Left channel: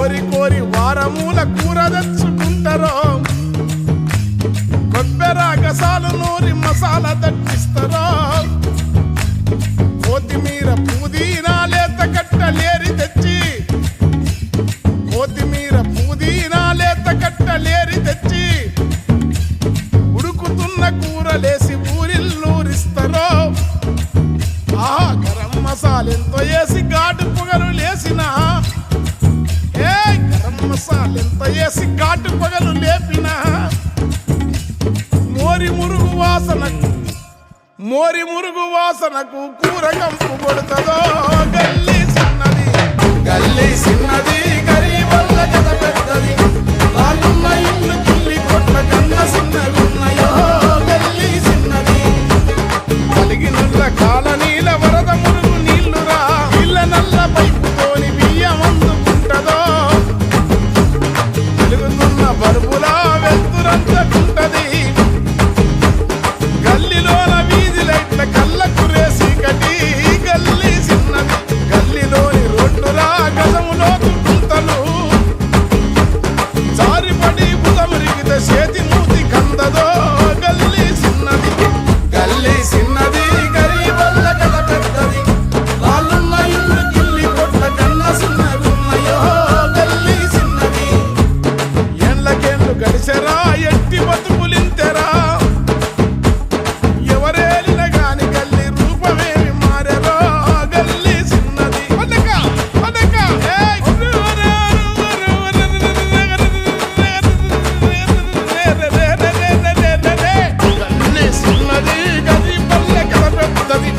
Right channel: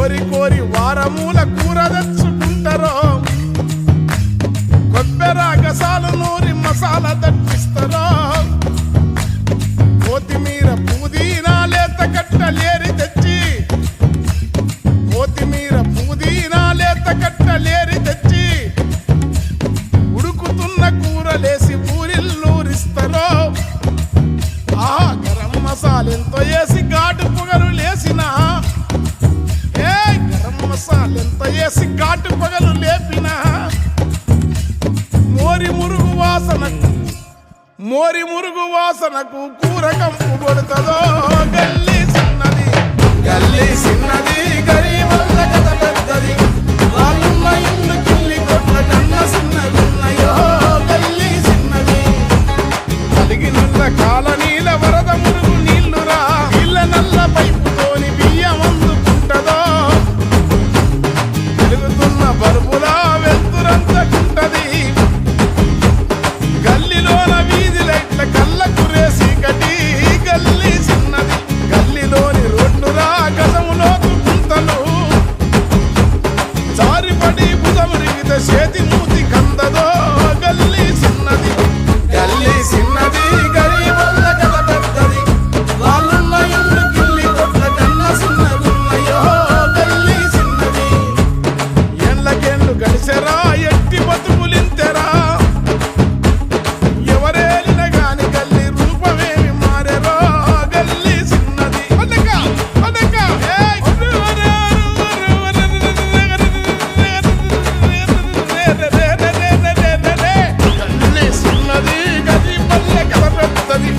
కోరి కోరి వారమూల కూర తెచ్చుకుంటారో కొబ్బెర గసాలు నూరి మసాలా దట్టిస్తారో కొత్తిమీర పుదీనా లేత కట్టలేరి తెచ్చి కొత్తిమీర పుదీనా లేత కట్టలేరి తెచ్చి ఉడుకుతున్న కూరలేసి ఊరిల్లూరిస్తారో ఆహా గరం మసాలెంతో వేసి ఘాటు పొగలు లేసిన గరం మసాలెంతో వేసి ఘాటు పొగలు లేపిన మోరి మురుగు వాసనకు కూర కంపు కొడుతుందో గల్లీ చిన్నది గరీబల్ల కథ పెద్దది వాళ్ళున్న ఇల్లు కిల్లి కొట్ల కన్న చిన్నగున్నాయో గల్లీ చిన్నది కలిగినుల్ల కాలనీల వరద మురుగు నీళ్లురా ఇళ్ళ నల్ల పైపుతోని బియ్యం అందుకుంటదో వెలుగుతున్న బల్బులా వెళ్తురంతకుంటది గల్లీలోన వీధి లైట్ల కళ్ళ కురేసి కటి గల్లీ చిన్నది గల్లీలోని రోడ్లురా గజములోతు గుంతలు జారిపడి బుధమురిగితే చేతి మూతి కందదో గల్లీ చిన్నది గరీబల్ల కథ పెద్దది వాళ్ళున్న ఇల్లు గిల్లి కొట్ల కన్న చిన్నగున్నయో గల్లీ చిన్నది ఏండ్లకేండ్లు గడిచెరా ఎట్టి బతుకులింతెరా ఎవరేలిన గాని గల్లీ రూపమేమి మారెరో గల్లీ చిన్నది గల్లీ చిన్నది గరీబల్ల కథ పెద్దది